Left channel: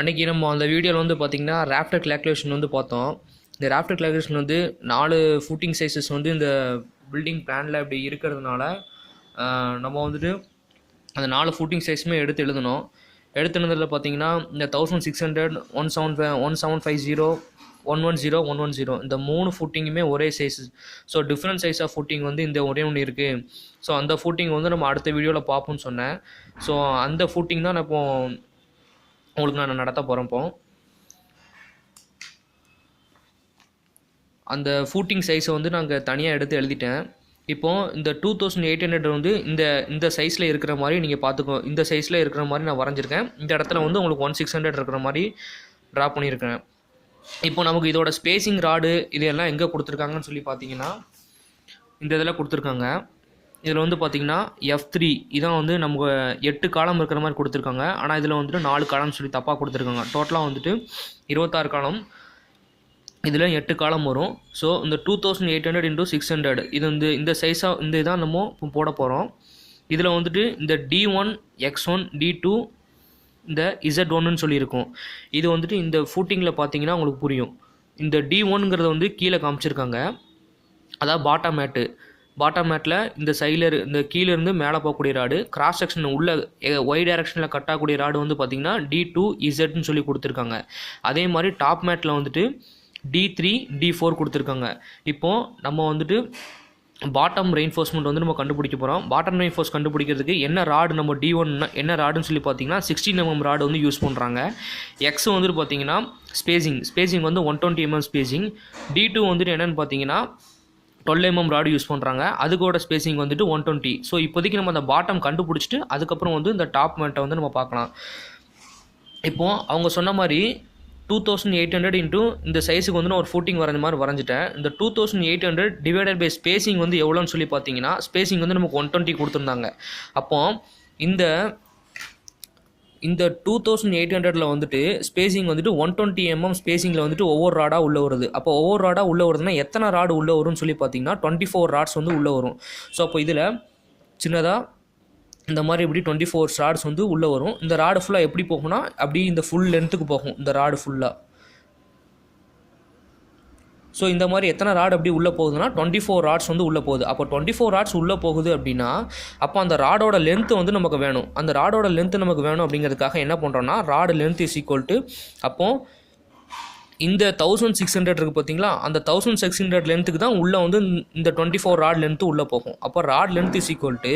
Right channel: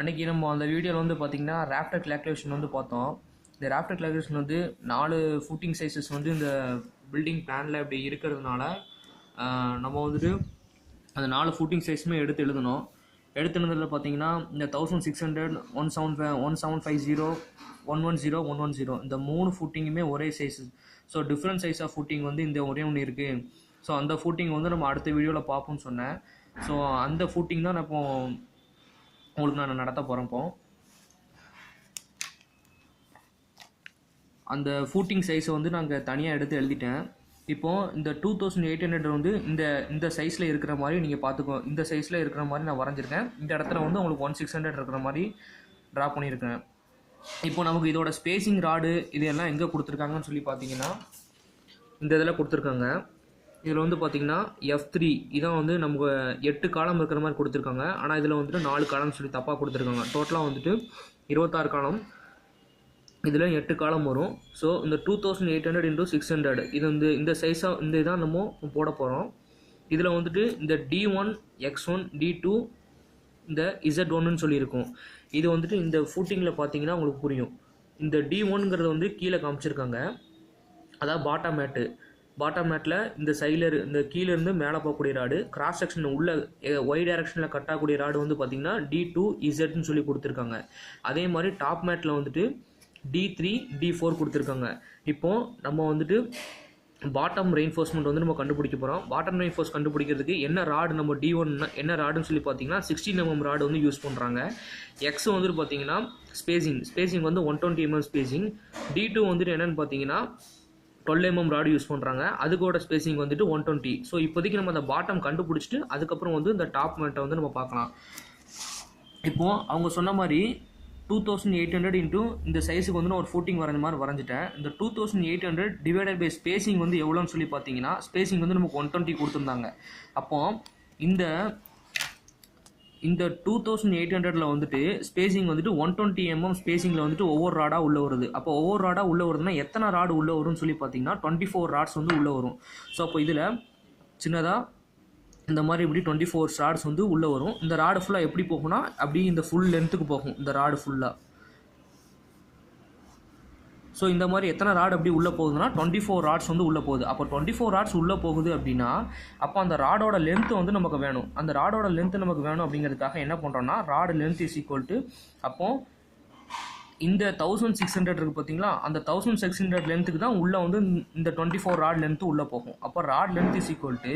அன்றைக்கி நம்ம அந்த வீடியோவில் வந்து பார்த்திங்கன்னா ராஃப்டர் கேல்குலேஷன் வந்து பார்த்தோம். இந்த ராஃப்டர் கேல்குலேஷன் வந்து 4 ஃபூட்டிங் சைஸஸ் வந்து இந்த பில்டிங் பிளானில் இப்படி இருக்கிறதுனால நம்ம வந்துட்டு அந்த 4 ஃபூட்டிங் சைஸுமே எடுத்து எழுதணும். எடுத்து எழுதுறதுல பார்த்தீங்கன்னா இந்த 1600, 1750, 110, 110 இந்த 3 ஃபூட்டிங்குமே ஒரே size. So different size of footing வந்து இந்த ஒரே ஒன்று இருக்குது. ஸோ அந்த ஃபூட்டிங் வந்து நம்ம அடுத்த வீடியோவில் பார்ப்போம்னு சொன்னேன். ஸோ அந்த ஃபூட்டிங் தான் நான் இப்போ உங்களுக்கு நான் நடத்த போகிறேன். இப்போ அந்த ஃபூட்டிங் சைஸை வந்து நாங்கள் தனியாக எடுத்து எழுதிட்டேன். இப்போது இந்த 2800 வந்து இந்த சைஸில் இருக்கிற மாதிரி நீங்கள் பார்த்துக்கோ. இந்த சைஸில் இருக்கிற மாதிரி நான் வரைஞ்சிருக்கேன். இந்த இடத்துல வந்து உங்களுக்கு 1600 இருக்கிற மாதிரி ட்ரா பண்ணியிருக்கேன். இப்போ நமக்கு இதோட ஸ்பேசிங் ராடு இதெல்லாம் எங்கே கொடுத்துருக்காங்கன்னு சொல்லி பார்த்தீங்கன்னா இந்த இதில் கொடுத்துருக்காங்க. இதில் வந்து பார்த்திங்கன்னா F3 இதான் வந்து நமக்கு 8 காலம் இருக்கிற மாதிரி கொடுத்துருக்காங்க. ஆனால் இதில் வந்துட்டு 4 காலம்னு சொல்லி தப்பாக கொடுத்துருக்காங்க. டோட்டலாக வந்துட்டு 26 காலம், இதில் 8 காலம் வரும். ஸோ இந்த 2800 × 600 இது வந்து இந்த சைஸாக இந்த இதான் நம்ம போட போகிறோம். இதில் வந்துட்டு இந்த D1, X1, D2, இந்த Z1ன்னு சொல்லியிருக்கோம். இது வந்துட்டு இந்த ஃபூட்டிங்கில் பார்த்தீங்கன்னா உங்களுக்கு புரியும். இந்த D1ங்கிறத வந்து கீழே காமிச்சிருக்காங்க, அதாவது பாட்டம் மேட்டில் இந்த சைடில் இந்த கீழேருந்து மேலே போகக்கூடிய ராடு, கிராஸ் செக்ஷன் உள்ள ஒய் டைரக்ஷனில் கட்டாக்கூடிய ராடு வந்து பார்த்திங்கன்னா D2, Zன்னு சொல்லி கொடுத்துருக்காங்க. அதே மாதிரி டாப் மேட்டில் வந்துட்டு D3, D4 கொடுத்துருக்காங்க. இப்போது நம்ம வந்துட்டு பாட்டம் ரெயின்ஃபோர்ஸ்மெண்ட் வந்து நம்ம கண்டுபிடிக்க போகிறோம். பாட்டம் ரெயின்ஃபோர்ஸ் கண்டுபிடிக்கிறதுக்கு என்ன ராடு நம்ம D1 என்ன ராடுன்னு சொல்லி பார்த்தீங்கன்னா 16 mm ராடு வந்து யூஸ் பண்ணுறாங்க. எக்ஸ் வந்துட்டு பார்த்தீங்கன்னா ஸ்பேசிங் வந்து 120 mm ஸ்பேசிங். D2 வந்துட்டு என்னென்னு பார்த்தீங்கன்னா 12 mm ராடு யூஸ் பண்ணுறாங்க. அதுக்கோட ஸ்பேசிங் வந்துட்டு 120. ஸோ இப்போதைக்கு நம்ம அந்த பாட்டம் கண்டுபிடிச்சிட்டு அதுக்கப்புறம் வந்து இந்த டாப் மேட்டை வந்து நம்ம பார்க்கலாம். இப்போது அவங்க சொன்ன மாதிரி 2800 இன்ட்டு இந்த சைஸுக்கு வந்து நான் ஒரு ஃபூட்டிங் வரைஞ்ச மாதிரி வரைஞ்சிட்டேன். இந்த 2800 டிவைடட் பை ஸ்பேசிங் வந்து எவ்வளோன்னு சொல்லி பார்த்தீங்கன்னா ஸ்பேசிங் வந்து நமக்கு 120 கொடுத்துருந்தாங்க. அப்போது இந்த 2800ல் வந்துட்டு ஸ்பேசிங் வந்துட்டு 120 mm ஸ்பேசிங்கில் வந்துட்டு ஒவ்வொரு ராடாக உள்ளே வருது. அப்போ ஒவ்வொரு ராடாக உள்ளே வருதுன்னா எத்தனை ராடு உள்ளே வரும்னு சொல்லி பார்த்தீங்கன்னா 24 ராட்ஸ் வந்து உள்ளே வரும். ஸோ அப்போ இதில் சின்னதாக இந்த மாதிரி இப்படி 24 ராட்ஸ் வந்து உள்ளே வரும். இந்த ராடு ஃபுல்லாக எப்படி போகும்னா அப்படி இந்த ஃபுல் லென்த்துக்கு போகும் இந்த ராடு ஃபுல்லாக. ஸோ இந்த மாதிரி எத்தனை ராடு அப்படி உள்ளே போகுதுன்னா 24 ராட்ஸ் வந்து உள்ளே போகுது. அப்போ 24 ராட்ஸ் உள்ளே போகுது அப்படின்னா அப்போ அந்த ராடோட லென்த்து வந்து நமக்கு வேணும். அந்த ராடோட லென்த்து நமக்கு வேணும் அப்படிங்கிறதுக்காக என்ன பண்ணுறோன்னா rod length is equal to அப்போது இந்த 1600 இருக்குது பார்த்தீங்களா, அந்த 1600 லென்த்துக்கு தான் உள்ளே வந்து இந்த 24 ராட் லென்த்து உள்ளே போகும். அப்போ rod length is equal to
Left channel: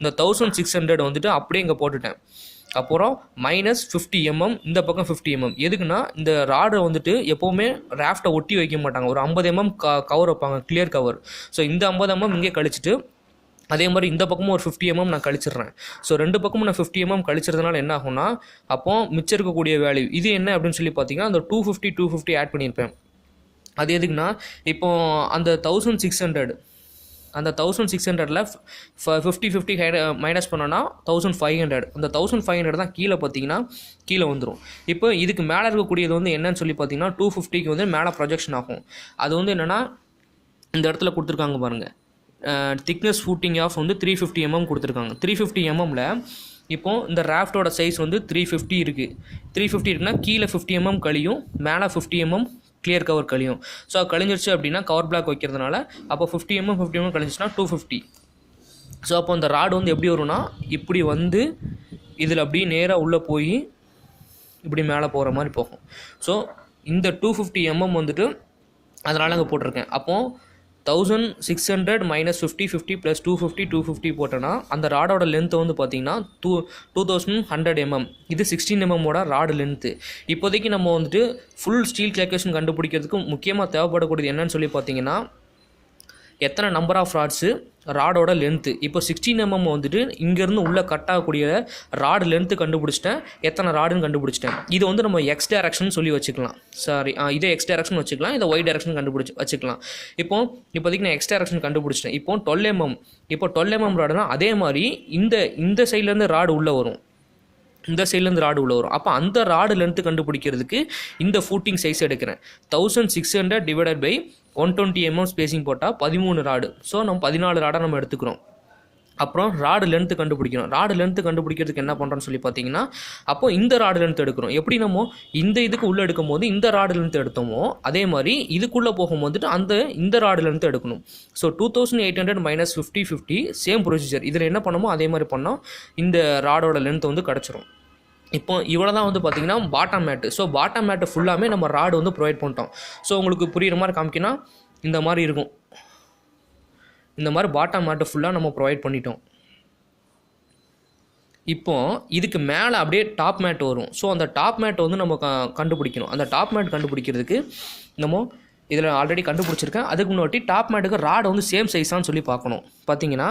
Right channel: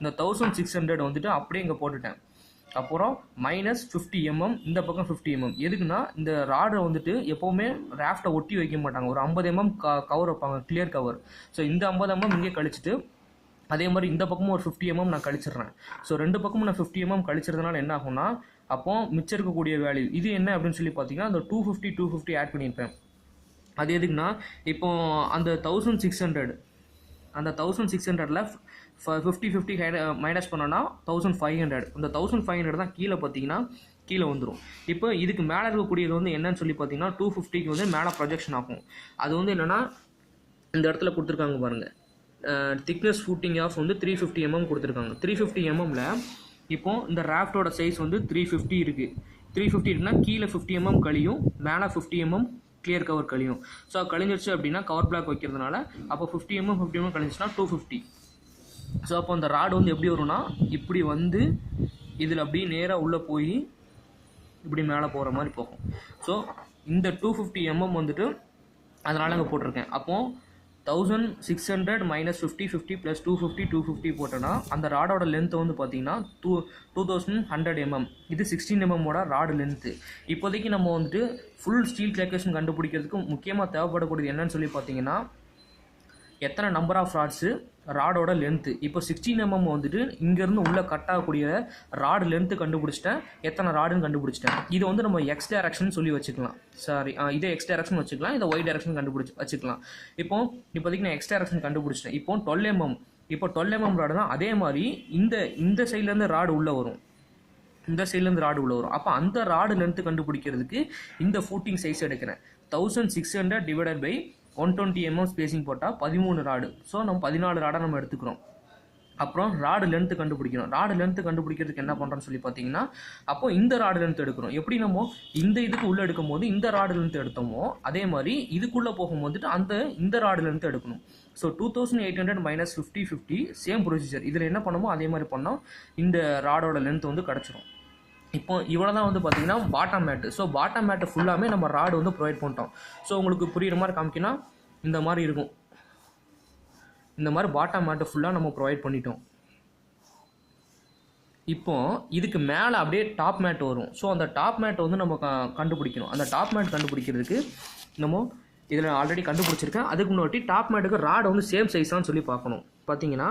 இந்த 1600 வந்துட்டு அப்படியே இங்கே போட்டுட்டேன். அப்புறம் -50 mm இந்த பக்கம் 50 mm. எதுக்குன்னா இந்த ராடை வந்துட்டு எப்போவுமே ராஃப்டை ஒட்டி வைக்க மாட்டாங்க. ஒரு 50 mm கவர் வைப்பாங்க, கிளியர் கவர். ஸோ இந்த 50 mm இங்கே கழிச்சிட்டு அதே மாதிரி இந்த பக்கமும் ஒரு 50 mm நான் கழிச்சிடுறேன். ஸோ ரெண்டு பக்கமும் நான் 50 mm கழிச்சிறதுனால என்ன ஆகும்னா அப்போது மிச்சம் இருக்கக்கூடிய வேல்யூ இது என்ன அப்படின்னு சொல்லி பார்த்தீங்கன்னா அந்த 250 ஆட் பண்ணியிருப்பேன். அது எதுக்குன்னா இப்போது அந்த 1600 அந்த 1600ல் 50 மைனஸ் பண்ணோன்னா 1500. அந்த 1500 தான் கீழே பார்த்தீங்கன்னா கீழே வந்துடும். இப்போ இதுக்கு மேலே இருக்கக்கூடியது வந்து என்னன்னு சொல்லி பார்த்தீங்கன்னா 250க்கு வந்து மேலே ப்ரொஜெக்ஷன் ஆகும். அது வந்து என்னென்னா இந்த இடத்துல கொடுத்துருக்காங்க பாருங்கள், திக்னஸ் ஃபூட்டிங் ஆஃப் வந்து 350 mm கொடுத்துருக்காங்க. 350 mmல இப்போது இந்த ராஃப்டோட சைஸ் வந்து 350 இருக்குது. 350 இருக்குன்னா கீழே 50 mm கழியும், மேலே 50 mm கிளியர் கவர் கழியும். ஸோ கழிஞ்சிருச்சு அப்படின்னா கவர் பிளாக் வைக்கிறதுனால அப்போ 50 mm கழிஞ்சிச்சுன்னா 250. ஸோ அப்போ அந்த ராடு வந்து எப்படி வரும்னா இப்படி வந்து இதில் அப்படியே நேராக உள்ளே போய் இப்படி மேலே போகிற மாதிரி போகும். ஸோ இந்த 250 mm வந்துட்டு அதனால் அங்கே போட்டிருக்கேன். அப்போது 1600 -50 50 + 250 போட்டோன்னா அந்த ராடோட லென்த்து வந்து பார்த்தீங்கன்னா 2100 mm. இது 16 mm ராடு லென்த்து. இப்போதைக்கு நம்ம வந்துட்டு ஃபுல் ஸ்டீல் கேல்குலேஷன் கண்டுபிடிக்கிறதுக்கு முக்கியமாக தேவைப்படக்கூடியது என்னன்னு சொல்லி பார்த்தீங்கன்னா எத்தனை நம்பர் ஆஃப் ராட்ஸு, ராடோட லென்த்து. இப்போ 16 mm வந்துட்டு இங்கேருந்து உள்ளே கட் ஆகக்கூடிய ராடு லென்த்து கண்டுபிடிச்சிட்டேன், எத்தனை ராடுன்னு கண்டுபிடிச்சிட்டேன். இது வந்து நம்ம எக்ஸ் டைரக்ஷன் சொல்லி வச்சுக்கலாம். இதே எக்ஸ் டைரக்ஷன் வச்சுக்கலாம், இதை ஒய் டைரக்ஷன் வச்சுக்கலாம். இப்போதைக்கு நான் எக்ஸ் டைரக்ஷன் கண்டுபிடிச்சிட்டேன். இப்போ 12 mm. இப்போ 12 mm ராடுனா அதே மாதிரி இந்த சைட்லேருந்து ராடு உள்ளே வரும், இந்த சைட்லேருந்து ராடு உள்ளே வரும். அப்போ அந்த ராடு லென்த்து கண்டுபிடிக்கிறதுக்கு இந்த ஃபூட்டிங் சைஸ் எடுக்கிறேன். 1600 டிவைடட் பை 120 mm ஸ்பேசிங் போட்டால் 13 ராடு. ஸோ நம்ம 14 ராடாக நம்ம எடுத்துக்கிறோம். அப்புறம் ராடு லென்த்து கண்டுபிடிக்கணும். ராடு லென்த்து கண்டுபிடிக்கிறதுக்கு என்ன பண்ணுறோன்னு சொல்லி பார்த்தீங்கன்னா, அப்போ இந்த ராடு லென்த் எடுக்கிறோம். எப்படி நம்ம இந்த இதுக்கு உள்ளே எடுக்கும்போது இந்த ராடு லென்த் எடுத்தோமோ அதே மாதிரி இதுக்குள்ளே போகும்போதுட்டு இந்த ராடு லென்த் எடுக்கணும். So 2800 - 50 50 same procedure. இதில் என்ன பண்ணமோ அதே மாதிரி பண்ணால் இந்த ராடோட லென்த் வந்து கிடச்சிரும். இப்போ இவ்வளோ தான் வந்து பார்த்திங்கன்னா பாட்டம் மேட்டு. ஸோ பாட்டம் மேட்டு ஃபுல்லாமே நம்ம ராடு வந்து ப்ரொவைட் பண்ணிட்டோம். ஸோ உங்களுக்கு புரிகிற மாதிரி காமிக்கினா இந்த மாதிரி இருக்கும். இந்த மாதிரி பாட்டம் மேட்டு ஃபுல்லாக நம்ம ப்ரொவைட் பண்ணிட்டோம். இப்போ இதுக்கு மேலே அப்படியே டாப் மேட் வரும். ஸோ அந்த டாப் மேட் வந்து நம்ம கண்டுபிடிக்கணும். அந்த டாப் மேட் கண்டுபிடிக்கிறதுக்கு நம்ம இதில் ஆல்ரெடி கண்டுபிடிச்சிருக்கேன். அதுக்கு முன்னாடி டாப் மேட்டுக்கு ராடு வந்து சேம் சைஸான்னு சொல்லி பார்க்கணும். பார்த்தீங்கன்னா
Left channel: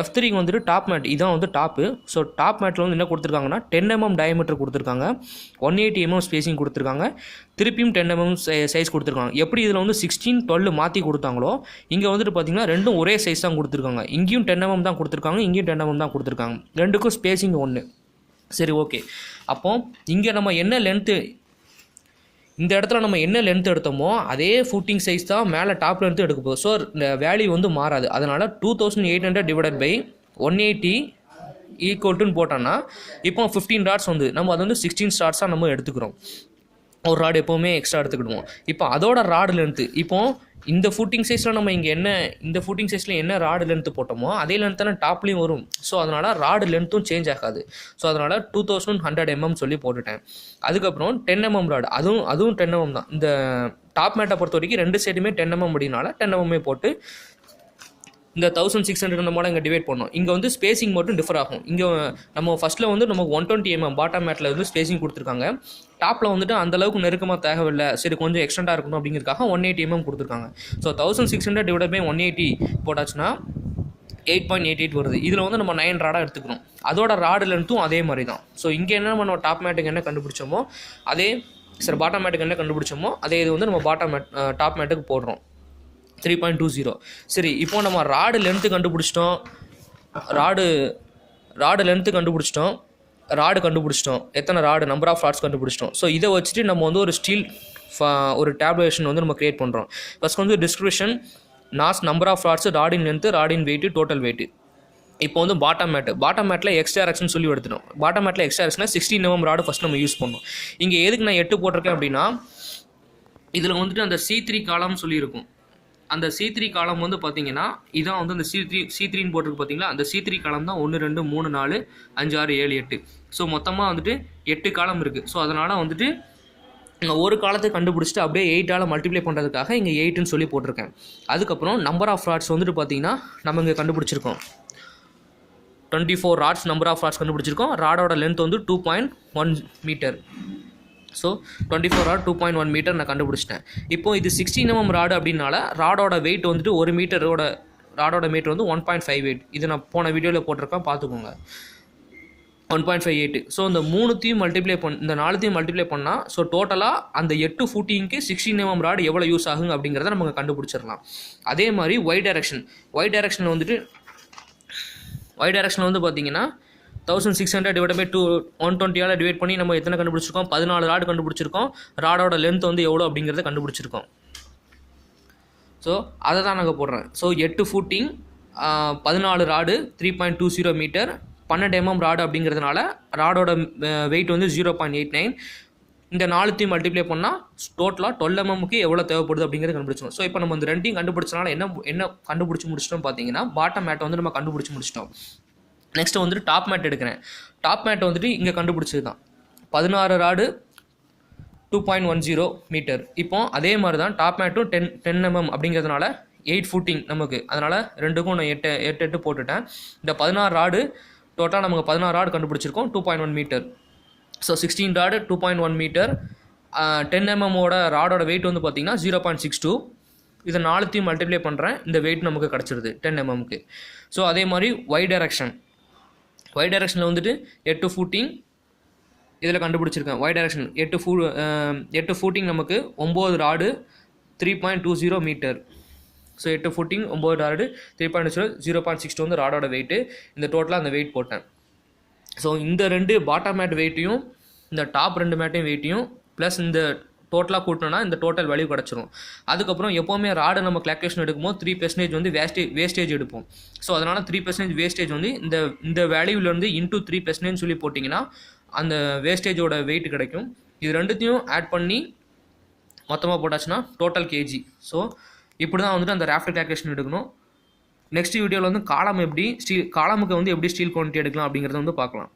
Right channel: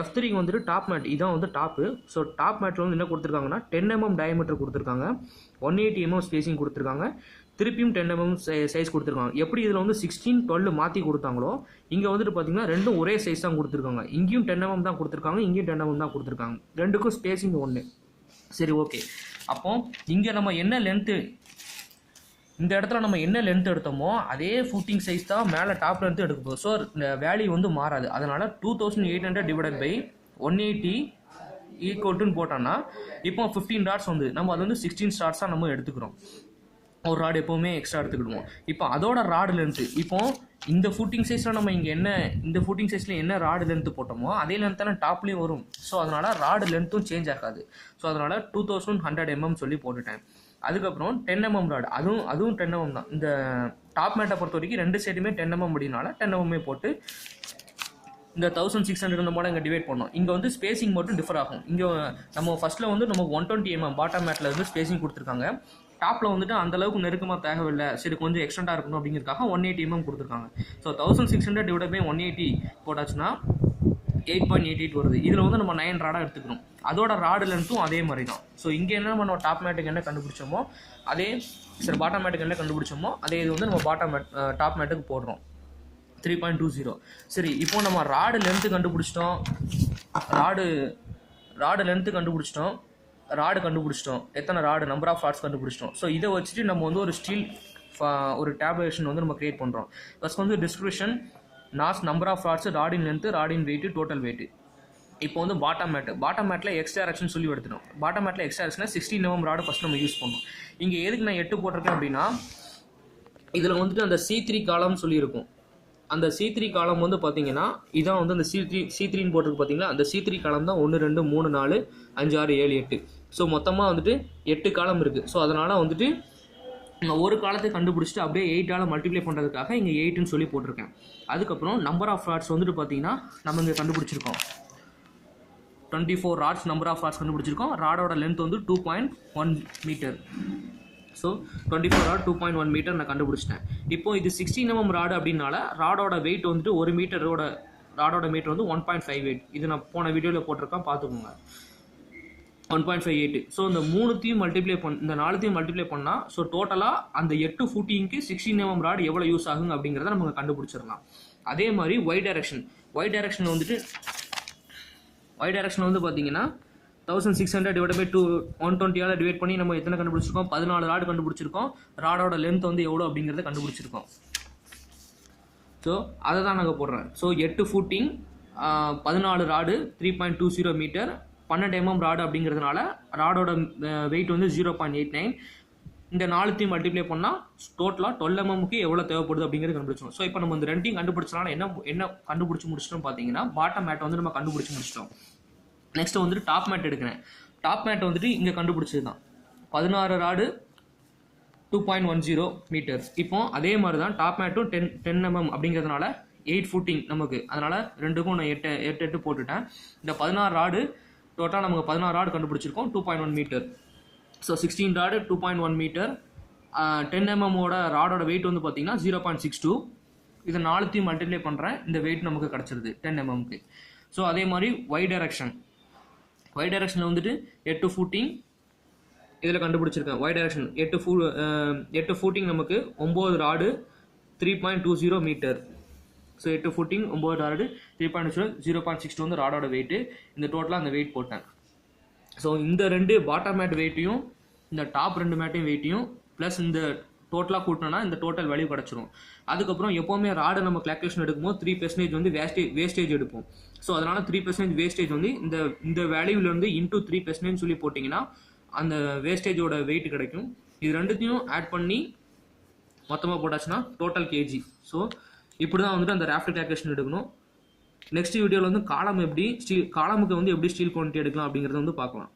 F3 வந்துட்டு டாப் மேட் இதான் வந்து டாப்பு. ஸோ டாப் மேட்டில் வந்து என்ன கொடுத்துருக்காங்கன்னா 10 mm டயமீட்டர் கொடுத்துருக்காங்க, 180 mm ஸ்பேசிங் கொடுத்துருக்காங்க, திருப்பியும் 10 mm சைஸ் கொடுத்துருக்காங்க. எப்படி இதில் வந்து 16 12 மாற்றி கொடுத்தாங்களோ இங்கே வந்துட்டு பார்த்தீங்கன்னா ரெண்டும் ஒரே சைஸ் தான் கொடுத்துருக்காங்க. இங்கேயும் 10 mm தான் கொடுத்துருக்காங்க, இங்கேயும் 10 mm தான் கொடுத்துருக்காங்க. ரெண்டுக்கும் ஸ்பேசிங் ஒன்று. சரி, ஓகே. அப்போ இங்கே நம்ம என்ன லென்த்து, இந்த இடத்துல நம்ம என்ன லென்த் எடுத்தோமோ அதே ஃபுட்டிங் சைஸ் தான் மேலே டாப் லென்த்து எடுக்க போகுது. ஸோ இந்த வேல்யூ வந்து மாறாது. அதனால் 2800 / 180 ஈக்குவல்ட்டுன்னு போட்டோன்னா இப்போ 15 டாட்ஸ் வந்து நம்ம அது வந்து 16 டாட்ஸாக நம்ம எடுத்துக்கிறோம். ஒரு ராடு எப்போவுமே எக்ஸ்ட்ரா எடுத்துக்கிடுவோம். இப்போ அதோட ராடு லென்த்து இப்போது இந்த ஃபுட்டிங் சைஸில் நம்ம இங்கே இந்த ஃபுட்டிங் சைஸில் என்ன ராடு லென்த்து போட்டோமோ அதே லென்த் தானே டாப்லேயும் வரும். ஸோ அதனால் ராடு லென்த்தும் சேஞ்ச் ஆகாது. ஸோ அதனால் 2100 mm சொல்லி போட்டுட்டேன். அதுக்கப்புறம் 10 mm ராடு, அதுவும் 10 mm தான். இந்த டாப் மேட்டை பொறுத்த வரைக்கும் ரெண்டு சைடுமே 10 mm அப்படின்னால 10 mm போட்டு இந்த 1600 இந்த மாதிரி இங்கே டிவைட் பண்ணோம். இங்கே வந்து ஸ்பேசிங் மட்டும் டிஃபர் ஆகும். இங்கே நம்ம ஃபஸ்ட்டில் வந்து நமக்கு 120 mm பாட்டம் மேட்டில் வந்து ஸ்பேசிங் கொடுத்துருக்காங்க. டாப்பில் வந்துட்டு அந்தளவுக்கு நெருக்கமாக தேவையில்லை, சரி கொஞ்சம் எக்ஸ்டெண்டாக இருக்கணும் அப்படிங்கிறதுக்காக 180 mm கொடுத்துருக்காங்க. ஸோ 1600 / 180 போட்டாச்சுன்னா 8.88 வருது. இதில் வந்து நம்ம 9 ராடாக எடுத்துக்கணும். அதோட ராடு லென்த்தும் அதே மாதிரி தான். ஸோ இங்கே என்ன நம்ம டாப் மேட்டுக்கு என்ன கண்டுபிடிச்சோமோ அதே பாட்டம் மேட்டுக்கு என்ன கண்டுபிடிச்சோமோ அதே இது வந்து நம்ம டாப் மேட்டுக்கு போடுறோம். 3.20. சரி, இப்போ நம்ம ராடு லென்த்து கண்டுபிடிச்சிட்டோம், ராடு லென்த்து கண்டுபிடிச்சிட்டோம், ராடு கண்டுபிடிச்சிட்டோம், எத்தனை ராடு நம்பர் ஆஃப் ராட்ஸ் கண்டுபிடிச்சிட்டோம். ஸோ இதை வச்சுட்டு நம்ம வந்து ஒரு டேப்லேஷன் வந்து நம்ம க்ரியேட் பண்ணுறோம். ஃபஸ்ட் வந்து description, nos, number of rods, ராடின் லென்த்து, ராடின் வெயிட்டு, டோட்டல் வெயிட்டு. இப்போ வந்து பாட்டம் மேட்டில் எக்ஸ் டைரக்ஷன் சொல்லி எடுத்துட்டோம். பாட்டம் மேட்டில் எக்ஸ் டைரக்ஷனில் 16 mm ராடு ஃபஸ்ட் நம்ம யூஸ் பண்ணோம். இங்கே எதுக்கு நான் 8 போட்டிருக்கேன் அப்படின்னா இதில் வந்துட்டு அந்த C3 காலம் சொல்லியிருக்கும். அந்த C3 காலம் வந்து பார்த்தீங்கன்னா இதான் வந்து அந்த C3ன்னு போட்டிருக்கு பார்த்தீங்களா, அந்த C3 காலம் தான் 1 2 3 4 5 6 7 8. ஸோ மொத்தமாக வந்துட்டு 8 காலம் இருக்குது. ஸோ அதனால் வந்துட்டு நான் ஒரு காலத்தை கண்டுபிடிச்சிட்டு அப்படியே 8ஆல் மல்டிப்ளை பண்ணுறதுக்காக இங்கே 8ன்னு சொல்லி போட்டிருக்கேன். அதுக்கப்புறம் நம்பர் ஆஃப் ராட்ஸ் வந்துட்டு பார்த்தீங்கன்னா நம்ம இங்கே கண்டுபிடிச்சிருக்கோம் 24 ராட்ஸ் நம்பர் ஆஃப் ராட்ஸ் கண்டுபிடிச்சிருக்கோம். ராடோட லென்த் வந்து 2.1 மீட்டர். ஸோ 24 ராட் 2.1 மீட்டர் நான் கண்டுபிடிச்சிட்டேன். இப்போ இது 16 mm ராடு அப்படின்னால ராடோட வெயிட் வந்துட்டு 1 மீட்டரோட ராடோட மீட்டர் வந்து 1.58. இது நான் போன வீடியோவில் போட்டிருக்கேன், பார்த்துக்கோங்க. 1.58. ஸோ இந்த 3த்தையும் மல்டிப்ளை இந்த 4த்தையும் மல்டிப்ளை பண்ணால் ஸோ டோட்டலாக அந்த 8 ஃபுட்டிங்க்கு 16 mm ராடு எவ்வளோ யூஸ் ஆகுங்க அப்படிங்கிறத நமக்கு கண்டுபிடிச்சிடலாம். அதே மாதிரி ஒய் டைரக்ஷனில் வந்து பார்த்தீங்கன்னா 1600 / 120 டிவைட் பண்ணி நம்ம எத்தனை கண்டுபிடிச்சிருக்கோம், 14 ராடு கண்டுபிடிச்சிருக்கோம். ராடோட லென்த் வந்து எவ்வளோ அப்படிங்கிறத கண்டுபிடிச்சிருக்கோம். ஸோ அதை தான் நாங்கள் போடுறேன். So 8 footing 14 rod 3.20 metre 12 mm rod அப்படிங்கிறதுனால ராடோட வெயிட் வந்து 0.89. இந்த 4த்தையும் மல்டிப்ளை பண்ணால் டோட்டலாக 12 mmக்கு எவ்வளோ தேவைப்படுது அப்படிங்கிறது கண்டுபிடிச்சோம். ஸோ இப்போ நம்ம இந்த ரெண்டையும் கண்டுபிடிச்சனால என்ன கண்டுபிடிச்சி முடிச்சிட்டோம் பார்த்தீங்கன்னா பாட்டம் மேட்டை வந்து நம்ம கண்டுபிடிச்சி முடிச்சிட்டோம். நெக்ஸ்ட்டு வந்துட்டு டாப் மேட் எடுக்கிறேன். டாப் மேட்டை வந்துட்டு இங்கே கண்டுபிடிச்சது தான் 16 ராடு 2.10 மீட்டர். இப்போ அதே மாதிரி தான் டாப் மேட்டும் 10 mm அப்படிங்கிறதுனால 8 ஃபுட்டிங் நமக்கு. அதனால் ரெண்டுக்கும் நான் 8 போட்டுட்டேன். இந்த 16 ராடு டோட்டலாக நமக்கு 16 ராடு கண்டுபிடிச்சிருக்கோம் 2.1 metre. So 16 rod 2.1 metre. 10 mm ராடோட வெயிட் வந்து பார்த்திங்கன்னா 0.62. இதை 4த்தையும் மல்டிப்ளை பண்ணுறேன், இந்த வெயிட் நமக்கு கிடச்சிருது 10 mmக்கு. ஸோ அதே மாதிரி ஒய் டைரக்ஷனில் வந்துட்டு 8 ஃபுட்டிங் இதில் கண்டுபிடிச்சிருக்கேன். ஒய் டைரக்ஷன் 8 ஃபுட்டிங் நமக்கு 9 rod 3.20 metre. So 8 footing 9 rod 3.20 0.62 வந்து ராடோட வெயிட்டு. இந்த டோட்டலாக அந்த வெயிட் போட்டேன். ஸோ இந்த ரெண்டு பாட்டம் மேட் வெயிட்டையும் இந்த டாப் 2 மேட்டையும் வெயிட்டையும் ப்ளஸ் இந்த டோட்டலாக கூட்டினோன்னா இந்த டோட்டல் வேல்யூ கிடச்சிரும். அதுக்கப்புறம் எப்போவுமே ராடு நம்ம கிளாக்குலேஷன் எடுக்கும்போது 3% வந்து வேஸ்டேஜ் எடுப்போம். ஸோ அதனால் 3% வேஸ்டேஜ் வந்து இந்த வேல்யூலேருந்து இன்டூ 3% சொல்லி போட்டிங்கன்னா அந்த வேஸ்டேஜோட வெயிட் கிடைக்கும். இது ரெண்டுத்தையும் ஆட் பண்ணி மொத்தமாக போட்டாச்சுன்னா டோட்டல் கேஜி. ஸோ இப்படி தான் வந்துட்டு அந்த ராஃப்டர் கிளாக்குலேஷன் எடுக்கணும். நெக்ஸ்ட் வீடியோவில் வந்து காலமுக்கு வந்து எப்படி ஸ்டீல் குவான்டிட்டி எடுக்கலாம் அப்படிங்கிறத வந்து பார்க்கலாம்.